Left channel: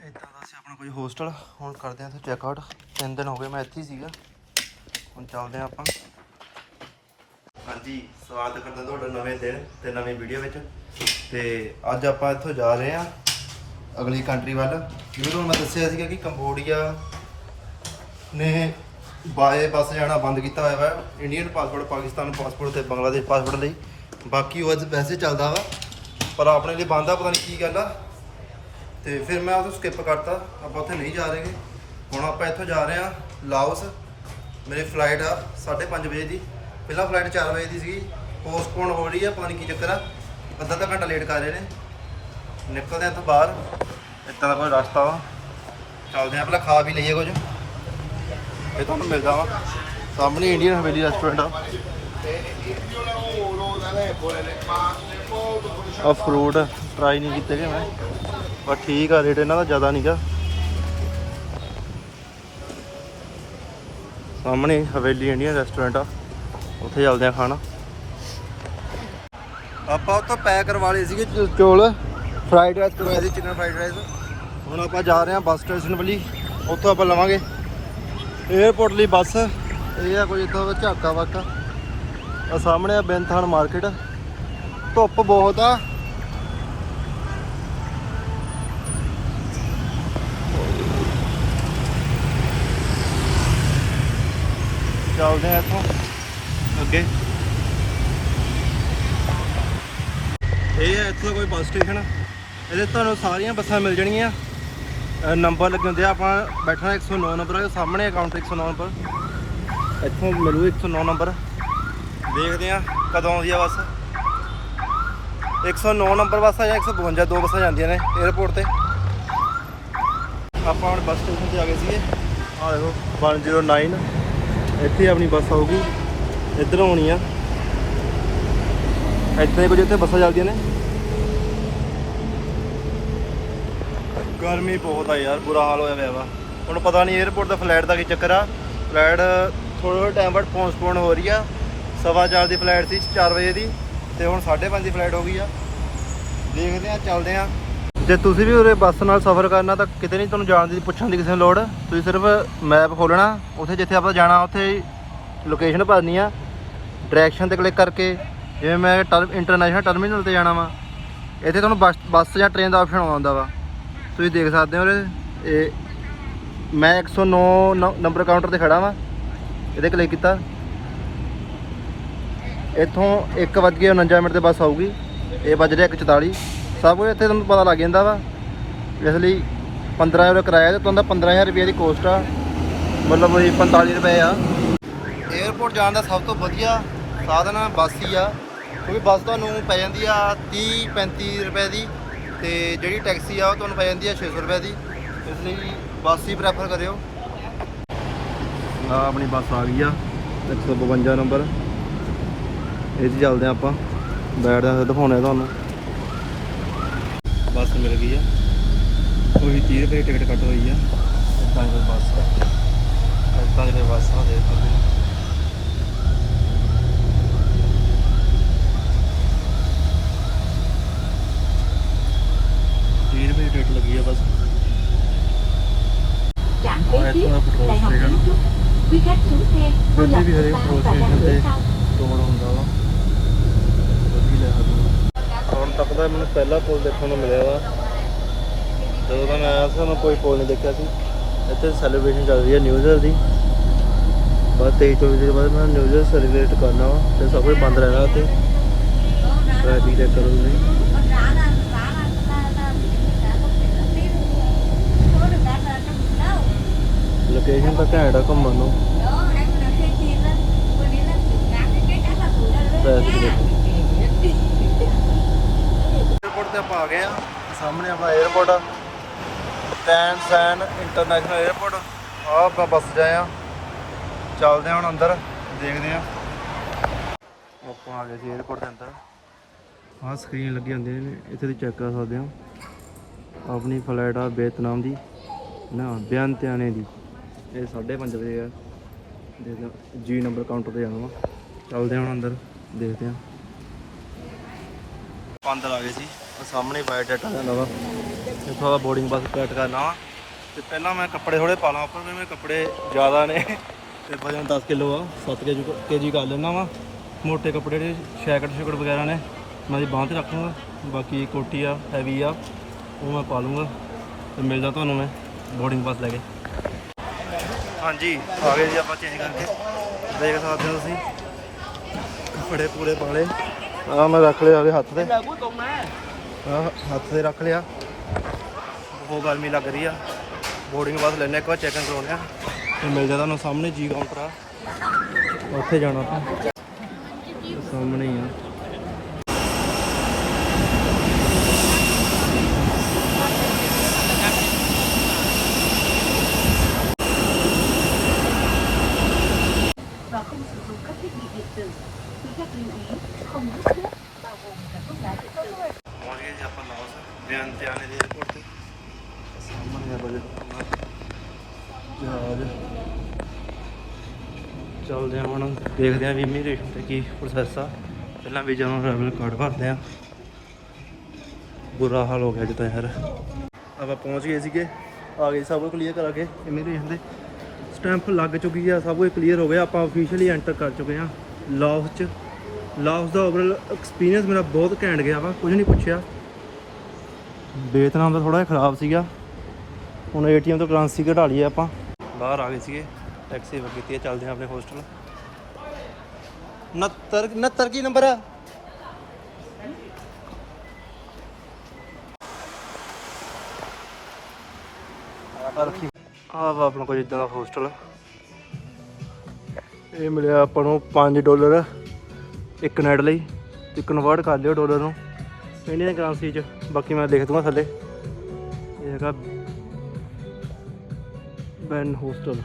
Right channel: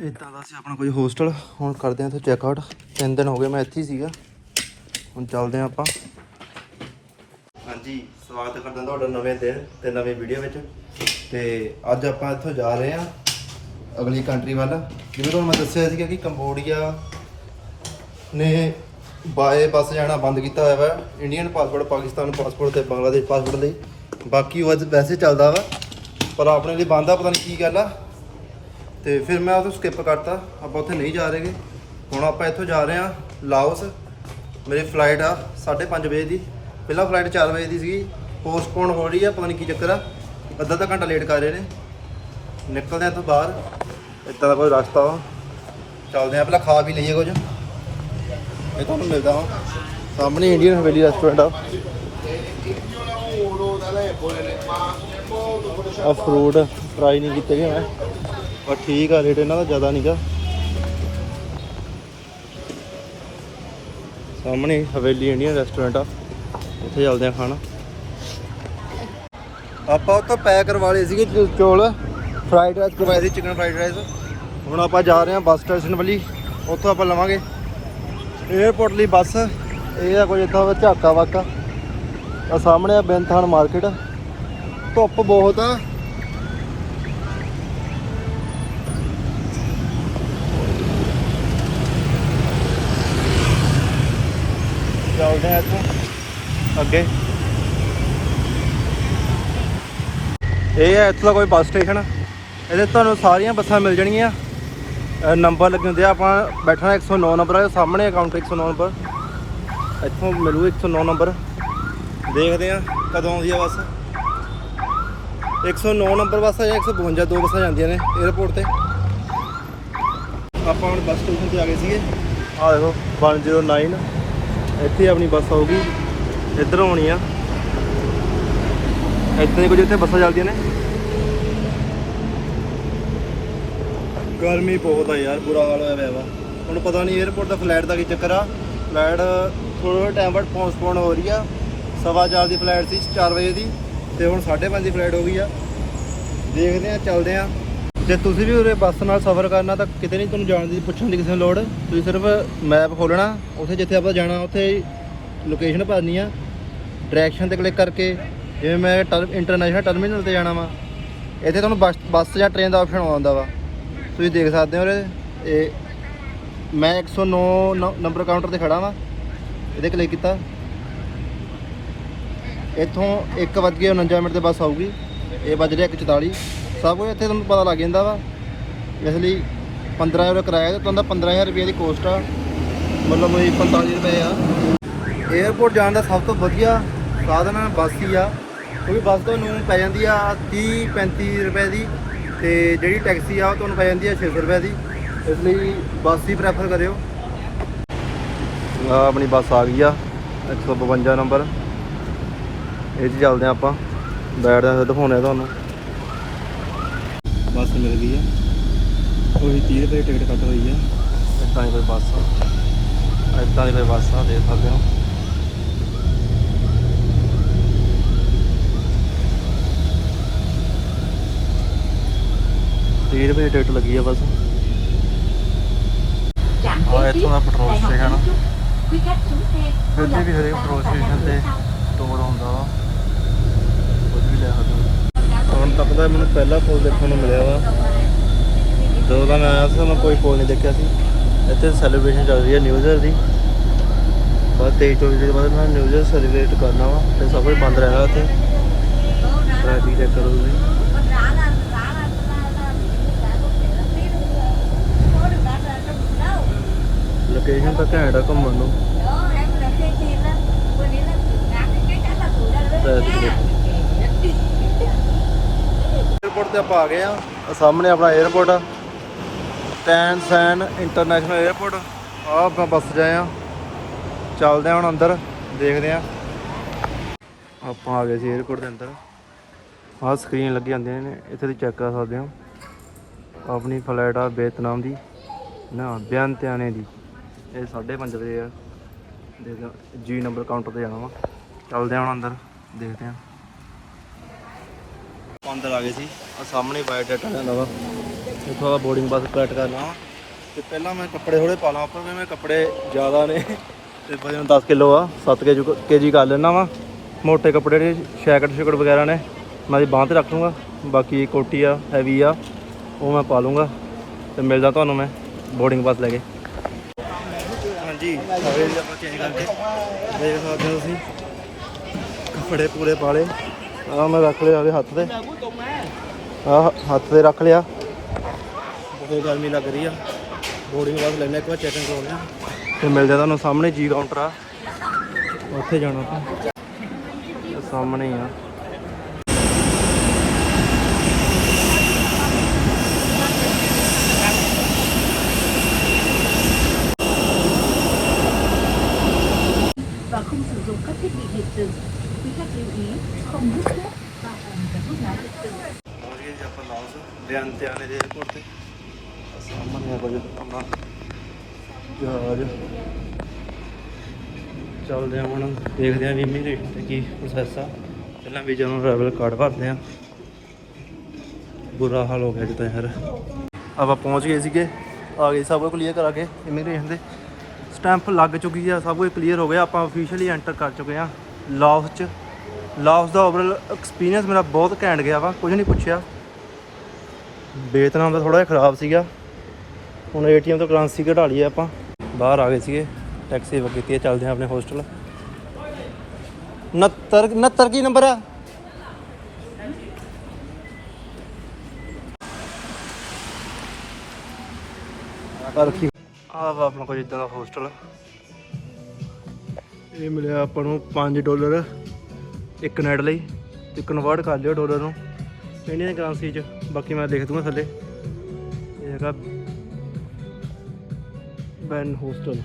ਇਦਾਂ ਦਾ ਸੀ ਆਪਣਾ ਕੋਈ ਹੋਸਟਲ ਹੁਣ ਕਰਦੇ ਆ ਇੱਥੇ ਚੈੱਕ ਆਊਟ ਤਿੰਨ ਦਿਨ ਹੋ ਗਏ, ਮੈਂ ਇੱਥੇ ਹੀ ਸੀਗਾ। ਹੁਣ ਚੱਲਦੇ ਆ ਆਪਾਂ। ਹਾਂਜੀ, ਸਵਾਗਤ ਕਰਦਾ ਤੁਹਾਡਾ ਨਵੇਂ ਦਿਨ ਤੇ ਨਵੀਂ ਵੀਡੀਓ ਵਿੱਚ। ਤੇ ਅੱਜ ਆਪਾਂ ਇੱਥੋਂ ਜਾ ਰਹੇ ਆ ਅਗਲੀ ਕੰਟਰੀ ਵੱਲ। ਜਿਵੇਂ ਤੁਹਾਨੂੰ ਮੈਂ ਦੱਸਿਆ ਸੀਗਾ ਕਿ ਕੰਬੋਡੀਆ ਨੇ ਬਾਏ ਬੱਸ ਜਾਣਾ ਬੰਦ ਕੀਤਾ ਹੋਇਆ ਵਾ। ਇੰਡੀਅਨ ਪਾਸਪੋਰਟ ਪਾਕਿਸਤਾਨ ਪਾਸਪੋਰਟ ਤੇ ਬੰਗਲਾਦੇਸ਼ ਪਾਸਪੋਰਟ ਲਈ। ਬਾਕੀ ਉਹ ਅੱਜ ਵੈਸੇ ਚੱਲਦਾ ਵਾ। ਪਰ ਆਪਣੇ ਲਈ ਬੰਦ ਆ, ਪਤਾ ਨਹੀਂ ਕੀ ਗੱਲ ਆ। ਤੇ ਫਿਰ ਮੈਂ ਉਹ ਸਕਿਪ ਕਰਤਾ। ਆਪਾਂ ਉੱਥੇ ਨਹੀਂ ਜਾ ਰਹੇਗੇ। ਹੁਣ ਆਪਾਂ ਇੱਥੋਂ ਜਾ ਰਹੇ ਆ ਲਾਓਸ। ਮੇਰੀ ਫਲਾਈਟ ਆ 5:30 ਵਜੇ ਦੀ। ਪਹਿਲਾਂ ਫਲਾਈਟ 4 ਵਜੇ ਦੀ ਸੀਗੀ। ਪੋਸਟਪੋਨ ਹੋ ਰਹੀ ਆ, ਪਤਾ ਨਹੀਂ ਕੀ ਚੱਕਰ ਆ। ਅੱਧਾ ਅੱਧਾ ਘੰਟਾ ਲੇਟ ਕਰ ਰਹੇ ਨੇ। ਨਿਕਲਦੇ ਆ ਇੱਥੋਂ ਬਾਹਰ। ਇੱਦਾਂ ਦਾ ਕੋਈ ਰਸਤਾ ਵਾ। ਚੱਲਦੇ ਆ ਪਹਿਲਾਂ ਖਾ ਵੀ ਲਈਏ ਕੁਝ। ਇਹ ਤੁਹਾਨੂੰ ਮਿਲਦਾ ਵਾ। ਸਾਹਮਣੇ ਇੰਡੀਅਨ ਹਵੇਲੀ ਰੈਸਟੋਰੈਂਟ ਆ। ਆ ਫਰੂਟ ਟਰਾਈ ਨਹੀਂ ਕੀਤੇ ਗਏ ਮੈਂ। ਪਰ ਠੀਕ ਆ, ਰੇਟ ਇਹਨਾਂ ਦਾ ਜ਼ਿਆਦਾ ਨਹੀਂਗਾ ਸਾਹਮਣੇ ਹਵੇਲੀ ਇੰਡੀਅਨ ਰੈਸਟੋਰੈਂਟ ਆ, ਉੱਥੇ ਚੱਲਦੇ ਆ ਖਾਣਾ। ਆਪਾਂ ਉੱਥੋਂ ਪੈਕ ਕਰਵਾ ਲਏ ਸੀਗੇ ਚੋ- ਚੌਲ ਫਰਾਈਡ ਰਾਈਸ ਕਰਵਾਏ ਸੀ ਚਿਕਨ ਫਰਾਈਡ ਰਾਈਸ ਹੁਣ ਆਪਾਂ ਜਾ ਰਹੇ ਹਾਂ ਬੱਸ ਸਟੇਸ਼ਨ ਵੱਲੀ, ਉੱਥੋਂ ਆਪਾਂ ਲਵਾਂਗੇ। 에어ਪੋਰਟ ਲਈ ਬੱਸ, ਇਹ ਆ ਕੋਈ ਇੱਦਾਂ ਦਾ ਝਾਕਾ ਵਾਕਾ। ਆ ਸਾਹਮਣੇ ਆ ਬੈਂਥਾਨ ਮਾਰਕੀਟ ਧੁੱਪ ਬਹੁਤ ਆ। ਚੱਲਦੇ ਆ ਇੱਥੋਂ। ਅੱਗੇ। ਇਹ ਹੈ ਇੱਥੋਂ ਦਾ ਕੋਈ ਬੱਸ ਸਟੇਸ਼ਨ। ਇਹਦੇ ਤੁਹਾਨੂੰ ਸਾਰੀਆਂ ਬੱਸਾਂ ਮਿਲ ਜਾਣਗੀਆਂ। ਨੰਬਰ ਲੱਗੇ ਹੁੰਦੇ ਆ, ਆਪਾਂ ਬੈਠਣਾ 109 ਨੰਬਰ ਆ ਸਾਹਮਣੇ ਕਾਊਂਟਰ 109 ਨੰਬਰ ਇੱਥੋਂ ਮਿਲੂ 109 ਨੰਬਰ ਦੇਖਦੇ ਆ ਕਦੋਂ ਆਉਂਦੀ ਆ ਬੱਸ। 109 ਨੰਬਰ ਬੱਸ ਆ ਜਾਂ 152 ਦੋ ਬੱਸਾਂ ਜਾਂਦੀਆਂ ਨੇ 에어ਪੋਰਟ ਤੇ। ਆਪਾਂ ਹੁਣ ਬੱਸ ਸਟੇਸ਼ਨ ਤੇ ਆ ਗਏ ਸੀਗੇ। ਆ ਦੇਖੋ 109 ਇੱਥੇ ਆਪਣੀ ਬੱਸ ਆਊਗੀ, ਇੱਧਰੋਂ ਆਉਣੀ ਆ। ਇੱਥੇ ਕੁਝ ਇੱਥੇ ਬੱਸਾਂ ਚੱਲਦੀਆਂ ਨੇ? ਗਰਮੀ ਬਹੁਤ ਆ ਯਾਰ, ਬੁਰਾ ਹਾਲ ਹੋਇਆ ਪਿਆ ਵਾ। ਹੁਣ ਪਤਾ ਨਹੀਂ 에어ਪੋਰਟ ਦਾ ਫਲਾਈਟ ਦਾ ਕੀ ਚੱਕਰ ਆ। ਫਲਾਈਟ ਥੋੜਾ ਟਾਈਮ ਬਾਅਦ ਪੋਸਟਪੋਨ ਹੋ ਰਹੀ ਆ। ਸਵਾ ਚਾਰ ਦੀ ਫਲਾਈਟ ਸੀ 4 ਵਜੇ ਦੀ, ਤੇ ਹੁਣ 5:30 ਦੀ ਫਲਾਈਟ ਹੋ ਗਈ ਆ। ਦੇਖਦੇ ਆ, ਚੱਲਦੇ ਆ। ਜੇ ਤੁਸੀਂ ਵੀ ਉਰੇ ਬੱਸ ਨਾਲ ਸਫ਼ਰ ਕਰਨਾ ਤਾਂ ਕਿਤੇ ਨਹੀਂ ਤੁਹਾਨੂੰ ਜਾਣ ਦੀ ਪੁੱਛਣ ਦੀ ਕਿਸੇ ਨੂੰ ਲੋੜ। ਤੁਸੀਂ ਸਿਰਫ ਮੈਪ ਖੋਲਣਾ ਉੱਥੇ ਜਿੱਥੇ ਆਪਾਂ ਜਾਣਾ, ਉੱਥੇ ਲੋਕੇਸ਼ਨ ਭਰਨੀ ਆ। ਡਾਇਰੈਕਸ਼ਨ ਤੇ ਕਲਿੱਕ ਕਰਕੇ, ਜਿਵੇਂ ਮੈਂ ਇੰਟਰਨੈਸ਼ਨਲ ਟਰਮੀਨਲ ਤੇ ਜਾਣਾ ਵਾ, ਇੱਥੇ ਤੁਹਾਨੂੰ ਬੱਸ ਬੱਸ ਜਾਂ ਟ੍ਰੇਨ ਦਾ ਆਪਸ਼ਨ ਆਉਂਦਾ ਵਾ। ਤੁਸੀਂ ਦੇਖ ਸਕਦੇ ਹੋ ਉਰੇ, ਇਹ ਮੈਂ 109 ਨੰ- ਨੰਬਰ ਕਾਊਂਟਰ ਤੇ ਖੜਾ ਵਾਂ। ਇਹਦੇ ਕਲਿੱਕ ਕੀਤਾ। ਇੱਥੋਂ 1:49 ਮਿੰਟ ਤੇ ਬੱਸ ਆਊਗੀ। ਇਹ ਵੱਜ ਰਿਹਾ 1:44 ਸਭ ਕੁਝ ਇੱਥੇ ਤੁਹਾਨੂੰ ਪਤਾ ਲੱਗ ਜਾਂਦਾ ਵਾ। ਇਸ ਲਈ 15 ਯੂਰੋ ਕਿਰਾਇਆ ਤੇ ਤੁਹਾਨੂੰ 15000 ਰੁਪਏ ਦੀ ਕੋਸਟ ਆ। ਮਤਲਬ ਇਹ 45 ਰੁਪਏ ਆ। 에어ਪੋਰਟ ਜਾਣ ਦਾ ਸਭ ਤੋਂ ਵਧੀਆ ਸਾਧਨ ਬੱਸ ਹੀ ਆ। ਕਿਉਂਕਿ ਬੱਸ ਤੁਹਾਨੂੰ ਪੈ ਜਾਂਦੀ ਆ 30 35 ਰੁਪਏ ਦੀ ਤੇ ਜਿਹੜੀ ਟੈਕਸੀ ਆ, ਉਹ ਤੁਹਾਨੂੰ ਪੈ ਜਾਂਦੀ ਆ 600 ਰੁਪਏ ਦੀ। ਇਸ ਲਈ ਬੱਸ ਹੀ ਪ੍ਰੈਫਰ ਕਰਿਓ। ਆ ਆਪਣੀ ਬੱਸ ਆ ਗਈ ਆ 152 ਨੰਬਰ। ਇਹ 'ਚ ਚੱਲਦੇ ਆ ਆਪਾਂ। ਬੈਠਦੇ ਆ ਦਿਖਾਉਣੇ ਆ ਤੁਹਾਨੂੰ। ਬੱਸ ਮਿਲ ਗਈ ਆ। ਉਹੀ 30 ਰੁਪਏ ਦੀ ਟਿਕਟ ਕੱਟ ਹੋਈ ਆ। ਇੱਦਾਂ ਦੀ ਬੱਸ ਆ। ਇੱਦਾਂ ਦੀ ਬੱਸ ਆ ਦੇਖ ਸਕਦੇ ਹੋ। ਤੀਹ ਰੁਪਏ ਦੀ ਟਿਕਟ ਲੱਗੀ ਆ ਬਸ। ਉਹ ਇੱਥੋਂ ਦਾ ਪੈਟਰੋਲ ਸਟੇਸ਼ਨ. ਹੁਣ ਤੱਕ ਦਾ ਮੈਨੂੰ ਪਹਿਲਾ ਫੋਨ ਦੇਖਣ ਨੂੰ ਮਿਲਿਆ ਵਾ ਜਦੋਂ ਦਾ ਮੈਂ ਆਇਆ ਸੀ ਉਹਨੂੰ ਕੋਈ ਫੋਨ ਨਹੀਂ ਦੇਖਿਆ ਸੀ ਇੱਥੇ ਸੈਲੀਬ੍ਰੇਸ਼ਨ ਚੱਲ ਰਹੀ ਹੈ ਨਿਊ ਈਅਰ ਦੀ। ਬਹੁਤ ਤੇਜ਼ ਤੋਂ ਵੀਡੀਓ ਬਾਅਦ ਮੈਂ ਨਿਊ ਈਅਰ ਸੈਲੀਬ੍ਰੇਟ ਕਰਨਾ ਵਾ ਤੇ ਸਭ ਕੁਝ ਬੰਦ ਰਹਿਣਾ ਉੱਥੇ। ਰਾਜੀ ਦੇ ਕਰੋ ਜੀ ਲੋਕੇਸ਼ਨ ਤਾਂ ਘੈਂਟ ਆ ਘੁੰਮਣ ਨੂੰ। ਏਅਰਪੋਰਟ ਤੇ ਆਪਾਂ ਆ ਗਏ ਆ। ਸਾਹਮਣੇ ਆਪਣਾ ਏਅਰਪੋਰਟ ਆ। ਟੈਨ ਸੈਨ ਇੰਟਰਨੈਸ਼ਨਲ 에ਅਰਪੋਰਟ ਆਹ ਆਪਾਂ ਬੱਸ ਜਾਏ ਆ। ਚੱਲਦੇ ਆ ਹੁਣ ਅੰਦਰ, ਦੇਖਦੇ ਆ। ਆਪਾਂ ਆ ਗਏ ਸੀ 에ਅਰਪੋਰਟ ਦੇ ਅੰਦਰ। ਆਹ ਸਕਰੀਨ ਲੱਗੀ ਹੁੰਦੀ ਨੇ, ਇੱਥੇ ਦੀ ਚੈੱਕ ਕਰ ਸਕਦੇ ਆ। ਆਪਣੀ ਫਲਾਈਟ ਆ ਵਿਅਤਨਾਮ ਦੀ। ਨਾ ਬਿਆਨਤਿਆਣੇ ਦੀ। ਇਹ 5:30 ਵਜੇ ਆ। ਦੇਖੋ ਜੀ ਨੰਬਰ ਕਾਊਂਟਰ ਤੇ ਜਾਣਾ ਵਾ। ਚੱਲਦੇ ਆ ਹੁਣ ਅੰਦਰ, ਦੇਖਦੇ ਆ। ਪੰਦਰ ਆ ਗਏ ਸੀ। ਆ, ਸਾਹਮਣੇ ਬਾਇਓਡਾਟਾ ਜਾਂਦਾ ਵਾ ਇੱਥੋਂ ਦਾ ਬੋਰਡਿੰਗ ਬੱਸ ਕਲੈਕਟ ਕਰਨਾ ਵਾ ਤੇ ਪਹਿਲਾਂ ਮੈਂ ਕੱਪੜੇ ਥੋੜੇ ਪਾ ਲਾਂ, ਉੱਪਰ ਵੀ ਮੈਂ ਕੱਪੜੇ ਜ਼ਿਆਦਾ ਨੇ। ਤੇ ਵਜਨ 10 ਕਿਲੋ ਆ 7 ਕੇਜੀ ਕਰ ਲੈਣਾ ਵਾ। ਮੋਟੇ ਕੱਪੜੇ ਨੇ, ਸ਼ੈਕਟ ਸ਼ੁਕਟ ਵਗੈਰਾ ਨੇ। ਮੈਂ ਦੀ ਬਾਂਹ ਤੇ ਰੱਖ ਲੂੰਗਾ ਬਾਕੀ ਕੋਟੀ ਆ ਹੈਵੀ ਆ, ਉਹ ਮੈਂ ਪਾ ਲੂੰਗਾ। ਤੇ ਮਿਲਦਾ ਤੁਹਾਨੂੰ ਮੈਂ ਬੋਰਡਿੰਗ ਬੱਸ ਲੈ ਕੇ। ਹਾਂਜੀ, ਆ ਗਏ ਜੀ ਆਪਾਂ ਚੇਂਜ ਕਰਕੇ। ਦੇਖ ਸਕਦੇ ਹੋ ਤੁਸੀਂ। ਕੱਪੜੇ ਪੂਰੇ ਪਾ ਲਏ। ਆ ਮੈਂ ਰੱਖ ਲਿਆ ਉਹਦੇ ਹੱਥ ਤੇ। ਆਹ ਹੱਥ ਤੇ ਰੱਖ ਲਿਆ। ਬਹੁਤ ਗਰਮੀ ਲੱਗ ਰਹੀ ਆ। ਬੋਰਡਿੰਗ ਬਾਅਦ ਲੈਣੇ ਇੱਕ ਵਾਰ ਚੈਕਿੰਗ ਕਰਾਉਣੇ ਆ। ਮਿਲ ਮਿਲਦੇ ਤੁਹਾਨੂੰ ਸਾਹਮਣੇ ਜੀ ਕਾਊਂਟਰ ਆ ਉੱਥੇ ਜਾਣਾ ਆਪਾਂ। ਸਾਹਮਣੇ ਹੀ ਆ। ਬਿਆਨ ਤੇ ਆਨੇ ਦੇ 에어ਪੋਰਟ ਤੇ। ਸਾਹਮਣੇ ਆ ਕੁਝ ਆਪਣਾ ਜਹਾਜ਼। ਚੱਲਦੇ ਆ ਹੁਣ ਦੇਖਦੇ ਆ ਵੀ ਇਮੀਗ੍ਰੇਸ਼ਨ ਤੇ ਕੀ ਪ੍ਰੋਸੈਸ ਆ। ਪਹਿਲਾਂ ਵੀਜ਼ਾ ਨੂੰ ਟਰੈਵਲ ਕਾਰਡ ਭਰਦੇ ਆ। ਬੁਰਾ ਹਾਲ ਹੋ ਗਿਆ ਜਿੱਦਾਂ ਯਾਰ। ਆਪਾਂ ਪਹੁੰਚ ਗਏ ਸੀਗੇ। ਆ ਗਏ ਸਭ ਕੁਝ ਕਲੀਅਰ ਕਰਾ ਕੇ ਇਮੀਗ੍ਰੇਸ਼ਨ ਦੇ ਸਟੈਂਪ ਲੱਗ ਚੁੱਕੀ ਆ ਸਭ ਕੁਝ ਕਲੀਅਰ ਹੋ ਗਿਆ। ਆਪਾਂ ਅਫੀਸ਼ੀਅਲੀ ਐਂਟਰ ਕਰ ਚੁੱਕੇ ਆ। ਲਾਓਸ ਚ। ਲਾਓਸ ਦਾ ਓਵਰਆਲ ਐਕਸਪੀਰੀਅੰਸ ਮੇਰਾ ਬਹੁਤ ਘੈਂਟ ਗਿਆ ਵਾ। ਕੁਝ ਨਹੀਂ ਪੁੱਛਿਆ। ਵੀਅਤਨਾਮ ਦਾ ਥੋੜਾ ਜਿਹਾ ਖਰਾਬ ਸੀਗਾ। ਹੁਣ ਏਟੀਐਮ ਤੋਂ ਕਰੰਸੀ ਕਢਾ ਲਈ ਆਪਾਂ। ਬਾਹਰ ਆ ਗਏ ਸੀਗੇ, ਟੈਕਸੀ ਬੁੱਕ ਕੀਤੀ ਹੈ, ਚੱਲਦੇ ਹਾਂ ਆਪਣੇ ਹੋਸਟਲ। 69 69 ਕੀ ਨੰਬਰ ਹੈ ਰੱਖੀ। ਆ ਵਾ ਆਪਣਾ ਕੋਈ ਇਦਾਂ ਦਾ ਹੋਸਟਲ ਇਹ ਮਿਲਿਆ ਆਪਾਂ ਨੂੰ 5 ਡਾਲਰ, ਇੱਕ ਨਾਈਟ ਲਈ, ਇੱਕ ਕਨਵਰਟ ਕਰ ਲਿਓ ਡਾਲਰ ਨੂੰ। ਇੰਡੀਅਨ ਕਰੰਸੀ ਚ। ਬਾਕੀ ਮੈਂ ਲਿਖ ਦੂੰਗਾ ਥੱਲੇ। ਇਹ ਹੈਗਾ ਬੈਨ ਹੋਸਟਲ।